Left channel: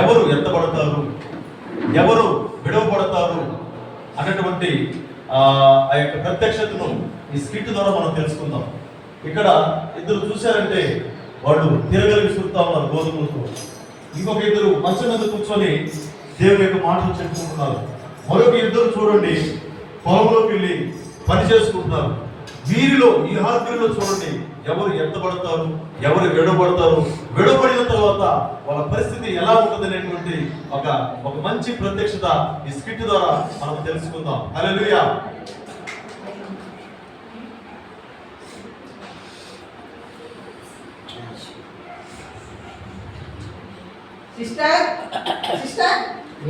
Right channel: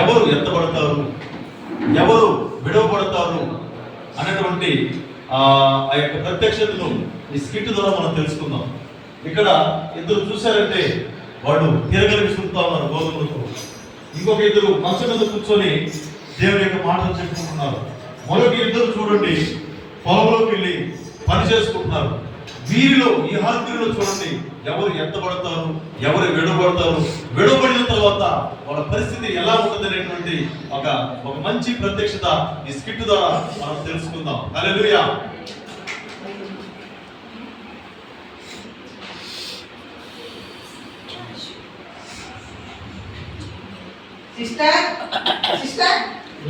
ఎవరు ఎత్తబడతారు, ఎవరు విడవబడతారు అనేటువంటి ఆ యొక్క ప్రత్యక్షతను ఈ స్కిట్ ద్వారా మనం తెలుసుకుందాం. ఇక్కడ ఇద్దరు చూశారంటే వాళ్ళు తిరగలి విసురుతా ఉన్నారు గోధుమలతో. ఇంకొక ఇద్దరు మంచం మీద కూర్చొని దేవుని యొక్క మాటలు చెప్పుకుంటున్నారు. మరొక ఇద్దరు చూడండి పొలంలోకి వెళ్ళి పని చేసుకుంటున్నారు. వీరిలో ఈ హార్దిలో చూడండి ఎవరు ఎత్తబడతారు, ఎవరు విడబడతారు, విడబడిన తర్వాత వాళ్ళ పరిస్థితి ఎలా ఉంటుంది అనేటువంటి ఒక మంచి ప్రత్యక్షత ఈ స్కిట్ ద్వారా మనం తెలుసుకుందాం. హల్లెలూయా. సిస్టర్ సిస్టర్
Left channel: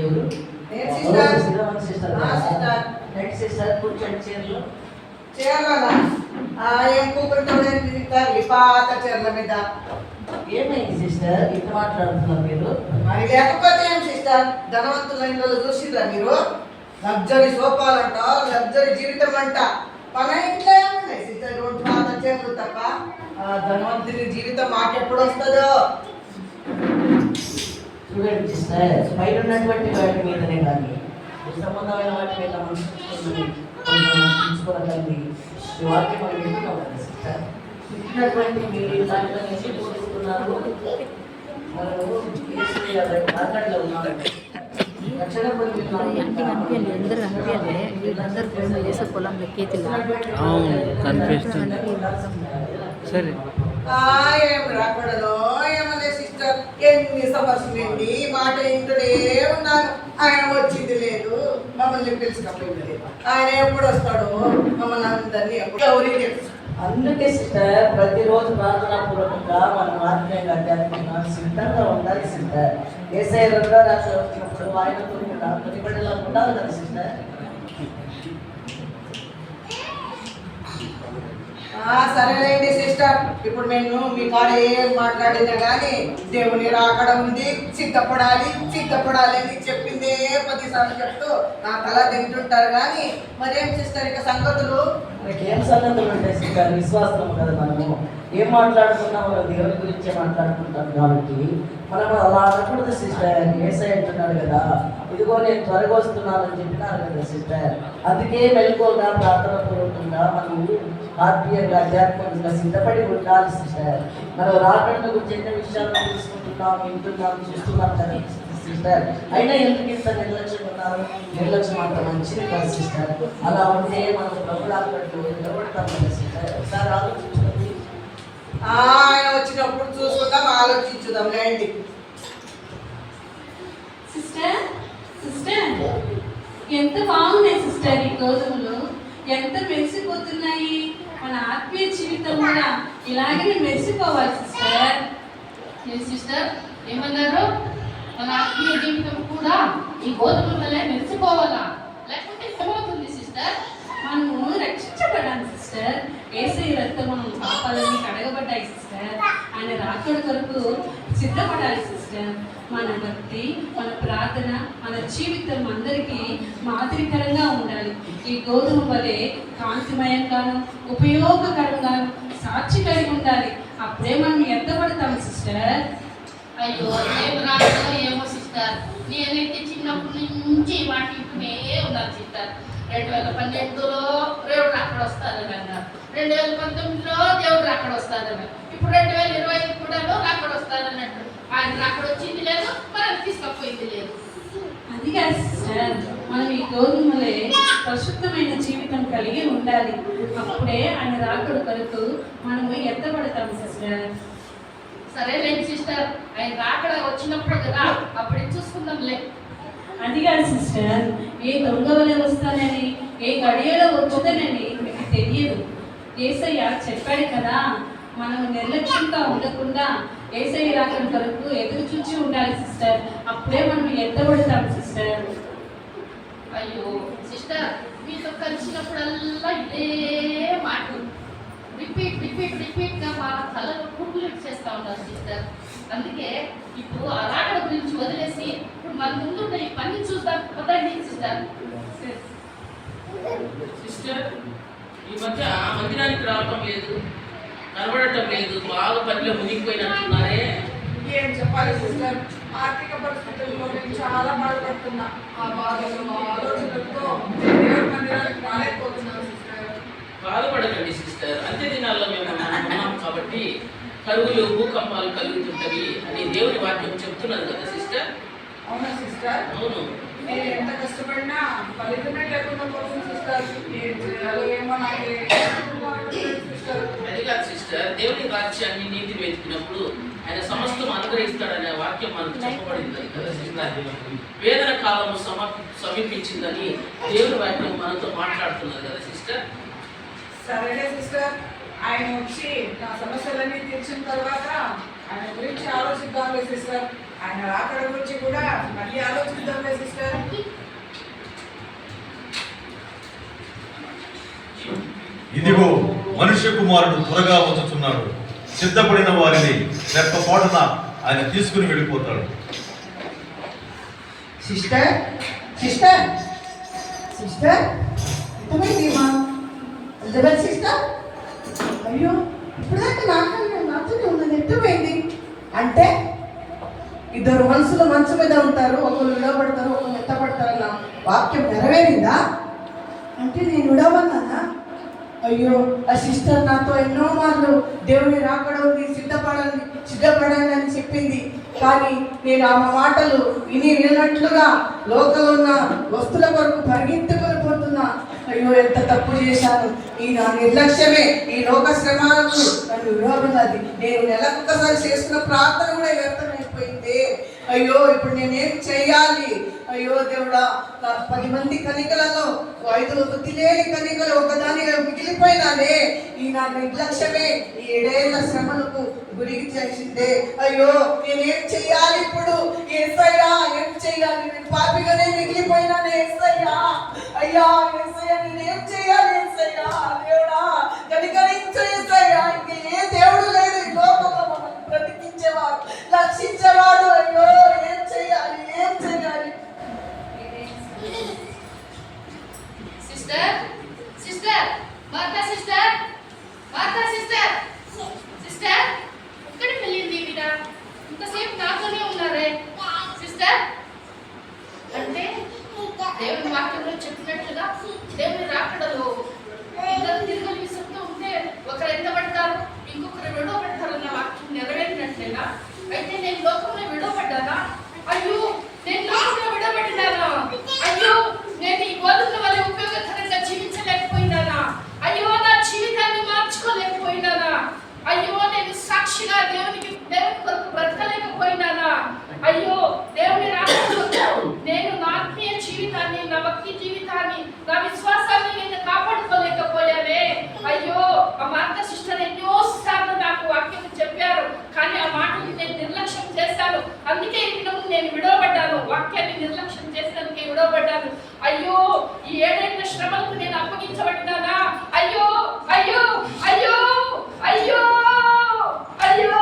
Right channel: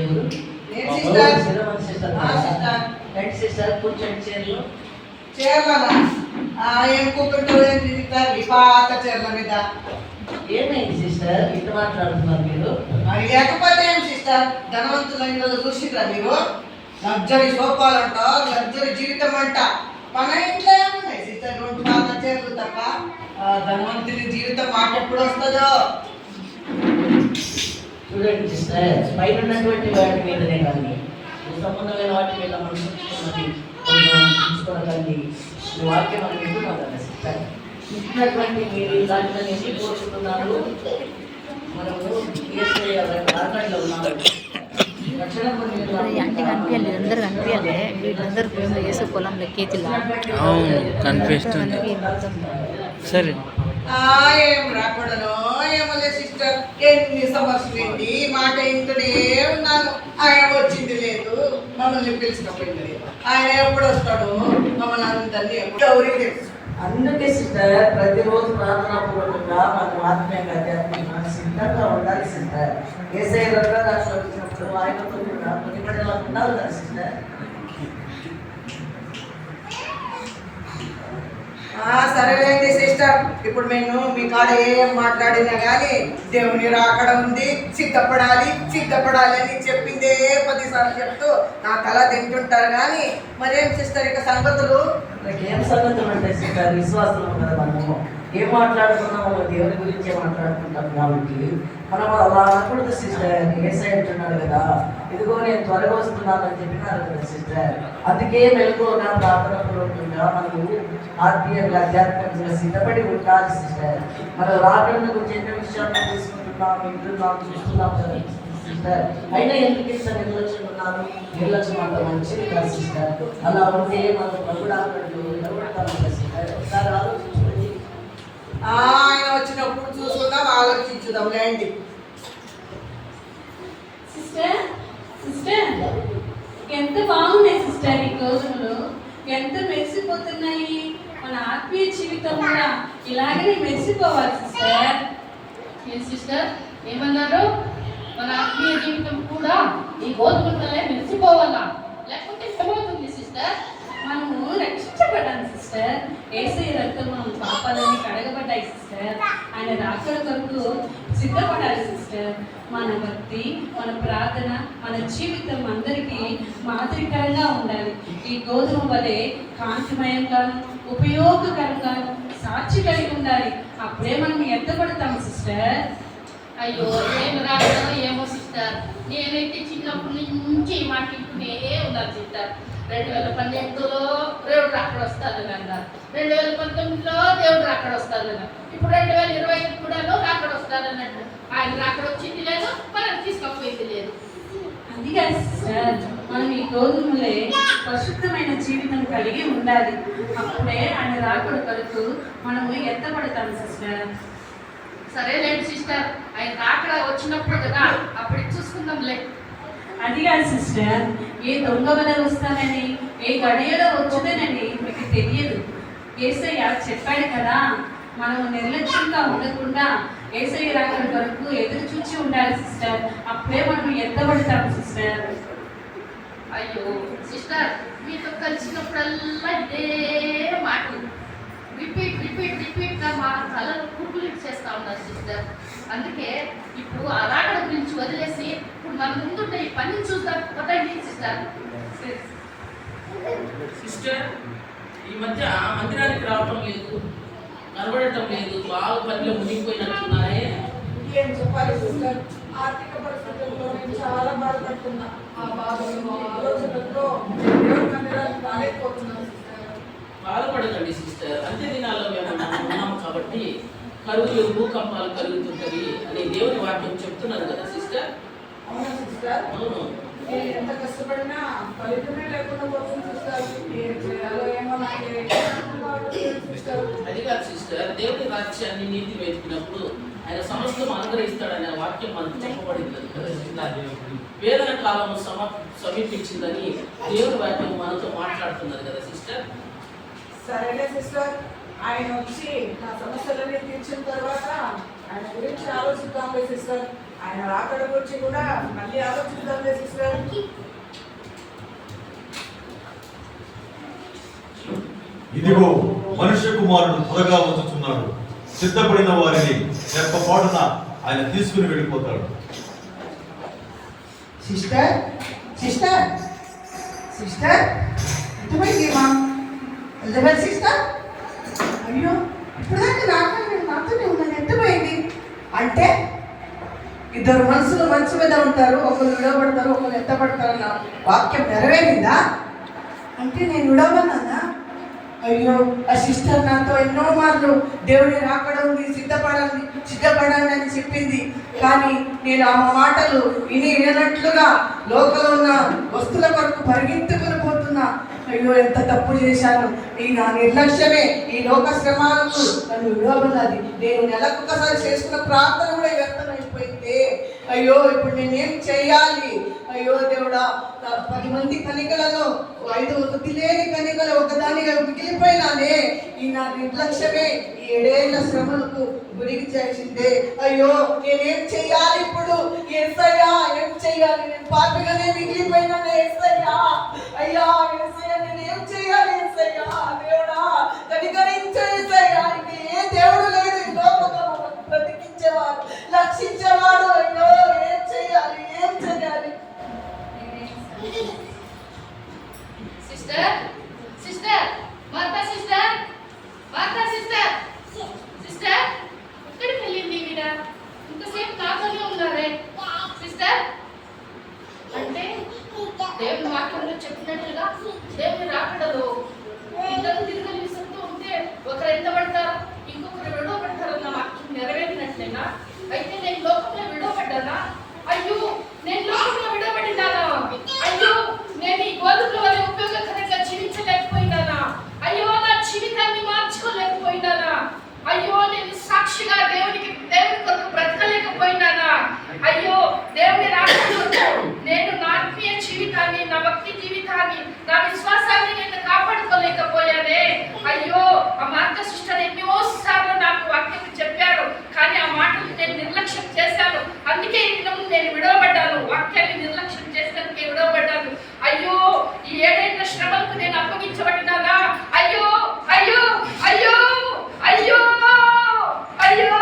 ఎవరు? నేను సిస్టర్. సిస్టర్ రెడ్ సిస్టర్ కూర్చొని చైర్లో చీరలనా ఏం కూకుంటావు ఈ పాత చీరల మీద. ఏమైంది సిస్టర్ ఇట్లా మాట్లాడుతున్నారు మీరు? మరి లేకపోతే ఏం సిస్టర్, ధనవంతుల ఇళ్ళలో చూసిరా మీరు? లగ్జరీ సోఫాలు అంట, లగ్జరీ జీవితం అంట. మన ఇంట్లో ఏమున్నాయి సిస్టర్? రెండు పాత చీరలు తప్ప ధనవంతుని జీవితం మాట ఎప్పుడు వస్తుందో. చూడండి సిస్టర్, పైన ఉన్నటువంటి వాటి మీదనే కానీ సంబంధమైన వాటి మీద మనం చూసుకోవాలి. ఈ వాక్యం మనం వింటున్నాం కదా సిస్టర్. ఇచ్చినటువంటి మీరు దాంట్లో ఎందుకు కోరుకుంటున్నారు? మనము మార్కెట్లో ఉన్నాము. అంటే కనిపించాలి, అందరు కనిపించాలి. వీళ్ళందరూ ప్రేమ చేసే పొలంలో కేతిలా అవును కనిపిస్తుంది. సరే ఏం రాకూడదు ఏమలే సిస్టర్. ఎన్ని సమస్యలు ఏంటి మాట ఇంటనే ఉన్నాను. ఆయన వచ్చింది లేదు, మమ్మల్ని పిలిచినప్పుడు లేదు. ఆయన ఎప్పుడు వస్తాడు మమ్మల్ని అందరినీ ఎప్పుడు ఎవరికి తెలుసు. అందుకే సిస్టర్ ప్రతిరోజు ప్రార్థనాపూర్వకంగా మనం ఆత్మీయంగా ఆధ్యాత్మికంగా సిద్ధంగా ఉండాలి సిస్టర్. యేసయ్య రెండో రాశి వచ్చినప్పుడు ఆయనతో ప్రతిపడేలా ఉండాలి కదా సిస్టర్. సరేలేండి సిస్టర్. ఇప్పుడు నేను మీ కాడ ఏం మాట్లాడినా కానీ దేవుని రాకడ ఉంది, సిద్ధపడాలి సిద్ధపడాలి అని చెప్పిందే 10 సార్లు చెప్తూ నా తల తింటుంటారు. కానీ మరేం సిస్టర్ ఇక సంగతులు? మనకి ఏం సంగతులు అంటే సిస్టర్, విశ్వాసం కదా. మనము ఏం మాట్లాడుతున్నామో దేవుని గురించే మాట్లాడుకుంటాం కాబట్టి మనం అలా అనకూడదు సిస్టర్. యేసయ్య అంటున్నాడు కదా, ఇదిగో నేను త్వరగా వస్తున్నానని చెప్పినారు కదా సిస్టర్. అందుకే మెలకువగా ప్రార్థనాపూర్వకంగా మనము ఆత్మీయంగా ఆధ్యాత్మికంగా సిద్ధపడి ఉండాలి సిస్టర్. మనం రాకడను గురించి ఎన్నో విషయాలు తెలుసుకుంటున్నాం, వింటున్నాం, చూస్తున్నాం కదా సిస్టర్. అయినా ఎందుకు ఇంత నిర్లక్ష్యం ఉన్నారు? నిర్లక్ష్యం అంత మంచిది కాదు సిస్టర్. అలా ఉంటే మనం ప్రభుడు ఆకట్లు నిలబడతాం కదా సిస్టర్. ఒకసారి ఆలోచించుకోండి. ఆయన వచ్చినప్పుడు చూసుకుందాం, ఆలోచించుదాం లేండి. సిస్టర్ సిస్టర్ ఎంత బాగున్నాయి సిస్టర్ ఈ గోధుమలు, ఎంత మెరిసిపోతున్నాయి. మన ఆత్మీయ జీవితం కూడా ఇలాగనే మెరిసిపోవాలి సిస్టర్. ఏ సిస్టర్ ఏమన్నారు? మన ఆత్మీయ జీవితం కూడా ఈ గోధుమలే మెరిసిపోవాలా? లేకపోతే ఏమవుతుంది సిస్టర్? మనము రక్షించబడ్డాను సిస్టర్. యేసయ్య రక్తం మనం పాపాలన్నీ కడగబడ్డాయి సిస్టర్. ఆయన రాకడ కొరకు సిద్ధపడాలి సిస్టర్. మన భక్తి, మన ప్రార్థన, మన జీవితం అందరికీ మాదిరికరంగా ఉండాలి. ఈ గోధుమ వలె కాంతిమయంగాను ఉపయోగకరంగా సాక్షి కలిగి ఉండాలి. అప్పుడే మనం ఎత్తబడతాం సిస్టర్. అయ్యో ఏం రావడం ఏమో సిస్టర్. నేనైతే చిన్నప్పటి నుంచి వాటింటూనే ఉన్నాను సిస్టర్. 2012లో దేవుడు అక్కడ వస్తాదని అన్నారు, 2019లో దేవుడు అక్కడ వస్తాదన్నారు, ఇప్పుడు 2025 కూడా అక్కడ వస్తాదన్నట్టు. ఆయన అక్కడ వచ్చింది లేదు, మనం తీసుకపోయింది లేదు. అది కాదు సిస్టర్, మనం ఈ గోధుమలే పరిశుద్ధమైన జీవితం కలిగి ఉండాలి. అప్పుడే ఆయన రాకడ కొరకు మనము ఎత్తబడతాం సిస్టర్. సరేలేండి సిస్టర్, ఆయన రాకడ వచ్చినప్పుడు కదా అప్పుడు చూసుకుందాంలే. అది కాదు సిస్టర్, ఏ దొంగ వల్ల వస్తానని, ఏ గడియలో వచ్చుతానని మీకు తెలియదు. యేసయ్య చెప్పాడు కదా, మనం నిర్లక్ష్యంగా ఉండకుండా యేసయ్య రాకడ వరకు ఎదురు చూచి ఉండాలి సిస్టర్. అప్పుడే మనం ఎత్తబడతాం సిస్టర్. అయ్యో సిస్టర్, మీతో కలిసినప్పుడల్లా ఇదే మాటలు రిపీట్గా మా కళలు కుట్లు చేస్తూ ఉన్నారు సిస్టర్. అందుకే ఇప్పుడు ఆ రాకడ గురించి వదిలేసి ఇప్పుడు మన ముందున్న ఈ పని చూద్దాం పదండి సిస్టర్. సిస్టర్ ఈ మధ్య మందిరానికి రావటం లేదు, కనబడటం లేదు, బాగా పనిలో మునిగిపోయినట్టున్నారే. ఏం చెప్పాలి సిస్టర్, ఆర్థిక పరిస్థితుల్లో నేను చాలా బాధపడుతున్నా. ఆ బాధలు ఆలోచనలతో దేవుడి మందిరానికి రాలేకపోతున్నాను సిస్టర్. బాధపడకండి సిస్టర్. అంత్య దినాల్లో మేము ఉన్నాం కాబట్టి కరువులు భూకంపాలు కలుగుతుంటవి అని దేవుని వాక్యం చెప్తున్నది కదా సిస్టర్. అవునా సిస్టర్? అవును. నేను ఎంత కష్టపడినా ఫలితమే లేకుండా పోతుంది సిస్టర్. ఏం చేయాలో ఏమో నాకు సిస్టర్. అది కాదు సిస్టర్, దేవుని రాజ్యాన్ని నీతి వెతికినప్పుడు ఆయన సమస్తం అనుగ్రహిస్తాడనే వాక్యం మనకు చెప్పబడింది కదా సిస్టర్. వేదన కాలము సమీపించిందని దేవుని వాక్యం మనతో మాట్లాడుతున్నది కదా సిస్టర్. సరేలే సిస్టర్, ఆయన వచ్చి నా సమస్యలన్నీ తీర్చిన తర్వాత ఆయన గురించి ఆలోచిద్దాంలే సిస్టర్. ఆయన రాకడ గురించి కూడా మళ్ళీ ఆలోచిద్దాంలే సిస్టర్. ఇదిగో మనుష్య కుమారుడు త్వరగా వచ్చుచున్నాడు. సిద్ధపడిన వారిని రెప్పపాటున ఆయన తీసుకుని వెళ్ళిపోతాడు. సిస్టర్ సిస్టర్ సిస్టర్ ఎంతమైంది ఎలిజబెత్ సిస్టర్? అయ్యో ఇప్పుడుదాకా నాతోనే ఉన్నది, ఎంతమైంది అంటే ఇద్దరు మనుషులు మంచు మీద ఉంటారు, ఒకరు విడవబడతారు, ఒకరు ఎత్తపడతారన్న వాక్యం నెరవేరిందా? అంటే నేను విడవన్నానా? అయ్యో ఆ సిస్టర్ నాతో ఎన్నో మార్లు దేవుని రాకడ ఉంది, సిద్ధపడాలి అని చెప్పింది. కానీ నేను ఆ మాటలు వినట్లుగా లోకంలో ఉన్న వస్తువుల కొరకు పరిగెత్తుకుని పోతున్నా. అయ్యో ఎంత తప్పు చేశాను. ఈ నా నిర్లక్ష్యమే ఈ లోక శ్రమాలకు నన్ను విడవబడినది. నేను నెలకొకసారి చేసుకున్న ప్రార్థన కూడా వ్యర్థమైపోయింది. అయ్యో ఇప్పుడు నేనేం చెయ్యాలి? అయ్యో దేవుడా, 10 మంది కనికలలో 5 వృద్ధి లేని కనికలు ఒకదానిగా మిగిలిపోయినానే. ఈ నా నిర్లక్ష్యమే ఈ 7 ఏళ్ల శ్రమలకు గురికి చేసిందే. అయ్యో నేనేం చెయ్యాలి ఇప్పుడు? యేసయ్యా ఏం చెయ్యాలి? నేను పాపిగానే మిగిలిపోయినానే యేసయ్యా. అయ్యా యేసయ్యా నేనేం చెయ్యాలి? యేసయ్యా దేవుడా కనికరించు యేసయ్యా. ఇంక ఏ దేవుడు లేడు ఈ లోకంలో మనల్ని బ్రతికించేవాడు, రక్షించేవాడు. అయ్యో ఏం చెయ్యాలి? ఏం చెయ్యాలి? Sister sister Martha sister Martha sister sister ఎక్కడికి వెళ్ళింది వీడ? ఇంతసేపు నాతోనే ఉన్నారే సిస్టర్. అంటే దేవుని వాక్యంలో చెప్పినట్లుగా దేవుని రాకడలో ఇద్దరు తిరగలి విసురుతూ ఉంటే ఒకరు ఎత్తబడతారు, ఇంకొకరు విడవబడతారు అన్న వాక్యం నెరవేరినట్లేనా? అయితే నేను లోకంలో విడవబడ్డానా? అయ్యో నేను లోకంలో విడవబడినానా? అయ్యో నేను ఈ బోధకుల వల్ల ఉపయోగకరంగా జీవించలేకపోయినానా? అయ్యో నా జీవితాన్ని మార్చుకోలేకపోయినానా? అయ్యో నేను సాక్షిగా దేవుని కొరకు బ్రతకలేకపోయినానా? అయ్యో దేవుని రాకడలో నేను నా ఆత్మీయ జీవితాన్ని, నా భక్తి జీవితాన్ని, నా విశ్వాసాన్ని నేను కాపాడుకోలేకపోయానే. అయ్యో ఆ మార్తా సిస్టర్ ఎన్నోసార్లు నాకు వాక్యం చెప్పారు, కానీ ఆ మాటలు నేను నిర్లక్ష్యం చేశాను. అందుకే నేను విడవబడ్డాను, వాక్యాన్ని నిర్లక్ష్యం చేసినందుకే విడవబడ్డాను. అయ్యో ఈ 7 ఏళ్ల శ్రమలకు నేను అప్పగించబడినానా? అయ్యో అయ్యో అయ్యో అయ్యో అయ్యో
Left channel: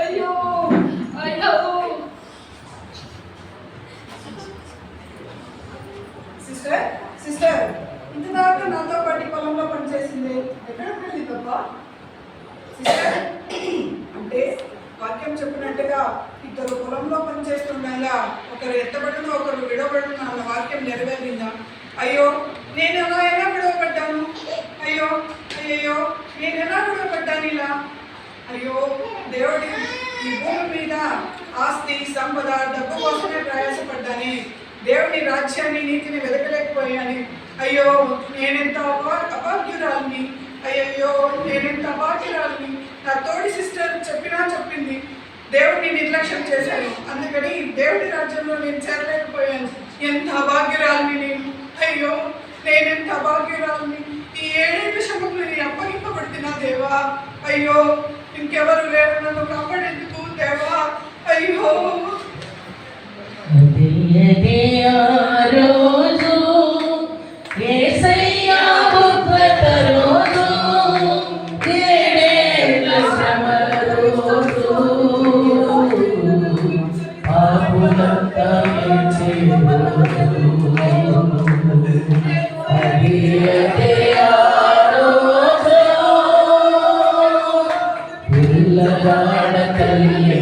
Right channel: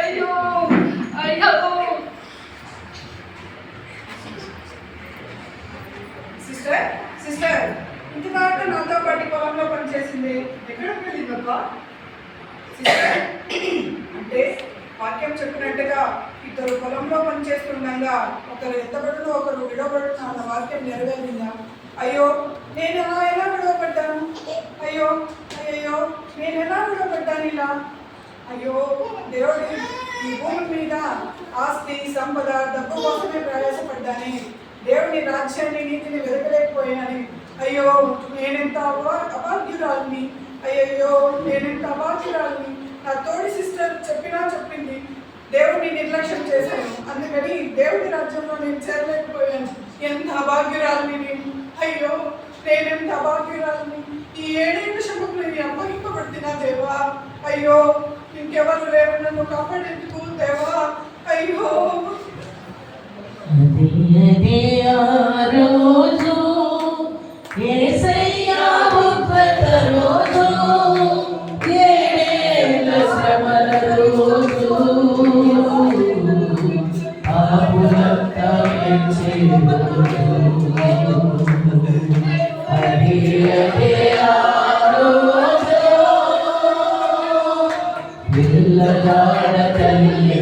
అయ్యో అయ్యో. సిస్టర్ సిస్టర్ ఇంతదాకా నాతో పాటు పొలంలో పనిచేసింది ఎక్కడ వెళ్ళిందబ్బా? సిస్టర్ అంటే వాక్యం చెప్పినట్టుగా ఇద్దరు పొలంలో పనిచేస్తుండగా ఒకరు ఎత్తబడును ఒకరు విడవబడును అన్న వాక్యం నెరవేరిందా? అయ్యో నేను ఎలా విడవబడ్డాను? అయ్యో అయ్యో నేను ఎలా విడవబడ్డాను ఇలా? అయ్యో దేవుడి ఈ భూమి మీద ఆస్తి సంపద డబ్బు కోసమే ప్రయాసపడ్డాని, దేవుని రాజ్యాన్ని నీతిని వెతకలేకపోయాని. అయ్యో నేనెంత అభాగ్యురాలిని. అయ్యో నేనెంత అభాగ్యురాలిని. నా తోడి సిస్టర్ చెప్పింది, దేవుడిని నిర్లక్ష్యం చేశాను, అందుకని దేవుడి రాజ్యంలో నేను చేరలేకపోయాను. ఎంత అభాగ్యురాలిని నేను. అయ్యో నేనెంత అభాగ్యురాలిని. ఈ 7 ఏళ్ల శ్రమకు నేను అప్పగింపబడుతున్నా దేవా. అయ్యో ఇంకెవరు లేరు నన్ను కాపాడేందుకు దేవా. అయ్యో పిల్లగాడ తల్లి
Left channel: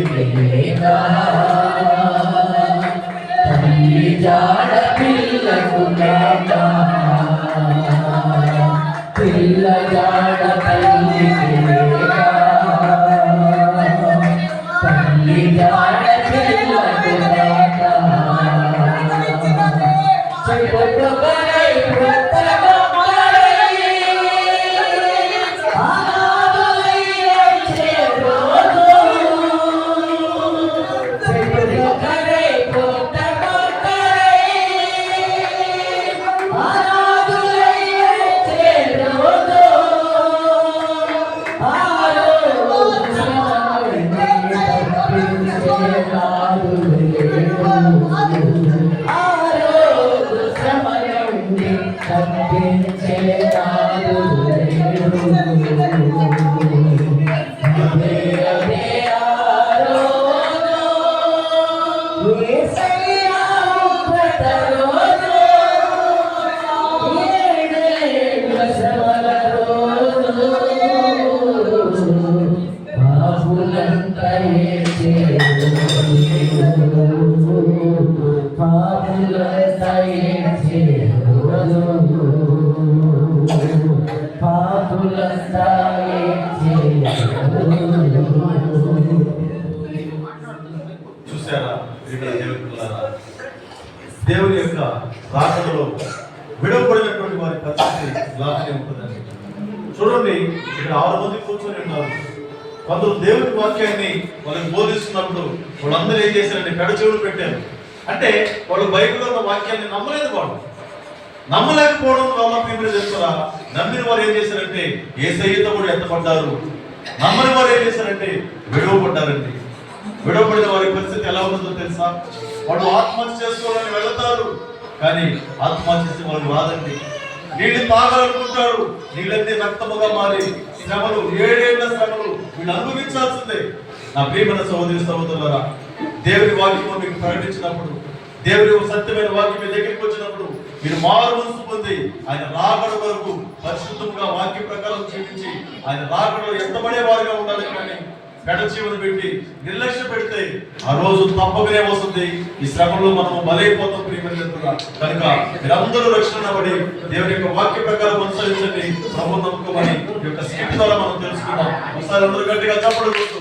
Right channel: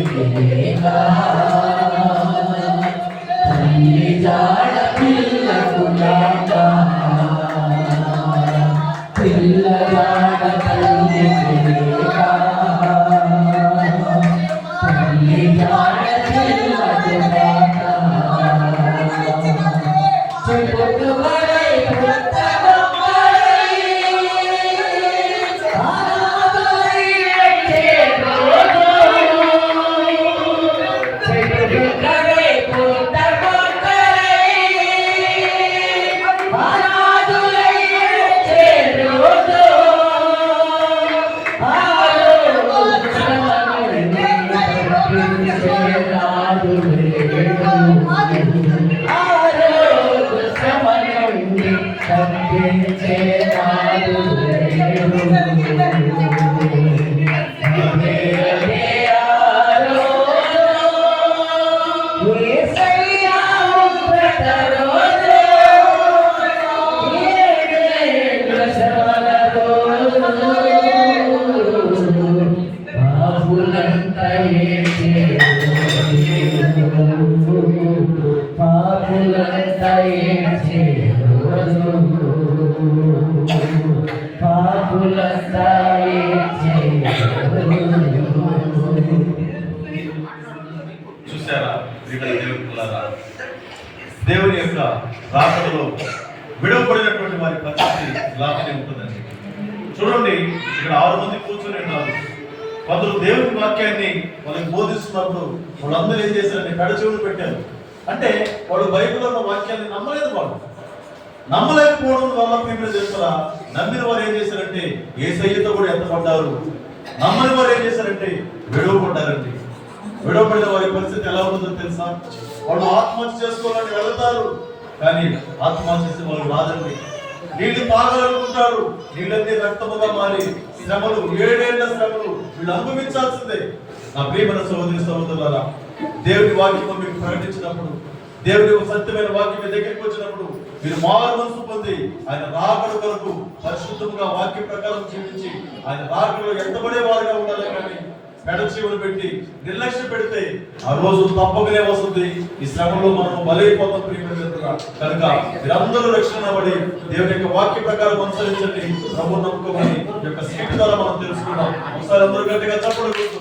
చూసారా ఇక్కడ దేవుని పిల్లరా, దేవుని యొక్క రాకడలో విడవబడినటువంటి వారి పరిస్థితి ఇలానే ఉంటుందండి. చూడండి, ఇక్కడ 6 మంది కూర్చొని ఉన్నారు. కొందరు దేవుని వాక్యాన్ని వాళ్ళకి బోధిస్తున్నప్పుడు వాళ్ళందరూ ఏం చేశారంటే పెడచెవులు పెట్టారు. అంటే వాళ్ళు బైబిల్లో ఉన్న వాక్యాన్ని నమ్మలేదు. వాళ్ళు నమ్మలేకపోవడం వల్ల people చేస్తారా, నమ్మిన వారు ఏం చేశారంటే యేసయ్యతో కూడా ఎత్తపడ్డారు. నమ్మని వారు ఏం చేశారంటే విడవబడ్డారండి. విడవబడిన వారి పరిస్థితి ఎలా ఉంటుందో తెలుసా? వాళ్ళు ఆత్మహత్య చేసుకోవాలని వెళతారు, కానీ ఆత్మహత్య చేసి వాళ్ళు రాదండి. నీళ్ళు తాగాలనుకుంటారు, నీళ్ళన్నీ రక్తముగా మారి శ్రమలు, 7 ఏళ్ల శ్రమలు వీళ్ళు అనుభవించాల్సిందే. నా ప్రియమైన సహోదరి సహోదరులారా, దేవుని వాక్యం మీకు ప్రకటించినప్పుడు, దేవుని సత్యమైన వాక్యం మీ దగ్గరికి వచ్చినప్పుడు మీరు మారు మనసు పొంది ఆయన రాకడ వరకు పరిశుద్ధంగా వాక్య ప్రకారం జీవించి ఆయన రాకడలో ఎత్తబడే వారుగా ఉండాలి. కానీ పెడచీవులు పెట్టి నిర్లక్ష్య పెడితే ఆ రోజు తప్పకనే వస్తుంది. ఈ శ్రమంలో మనం బలైపోతాం ప్రియమైనట్టుగా. కనుక మీరందరూ రక్షణ పడి దేవుని యొక్క వాక్య ప్రకారం అనుసరించండి. ప్రభు నమ్మకమని ఈ యొక్క స్థితి ద్వారా మనం తెలుసుకున్నాం. ఒకసారి అందరూ గట్టిగా చప్పట్లు కొట్టు.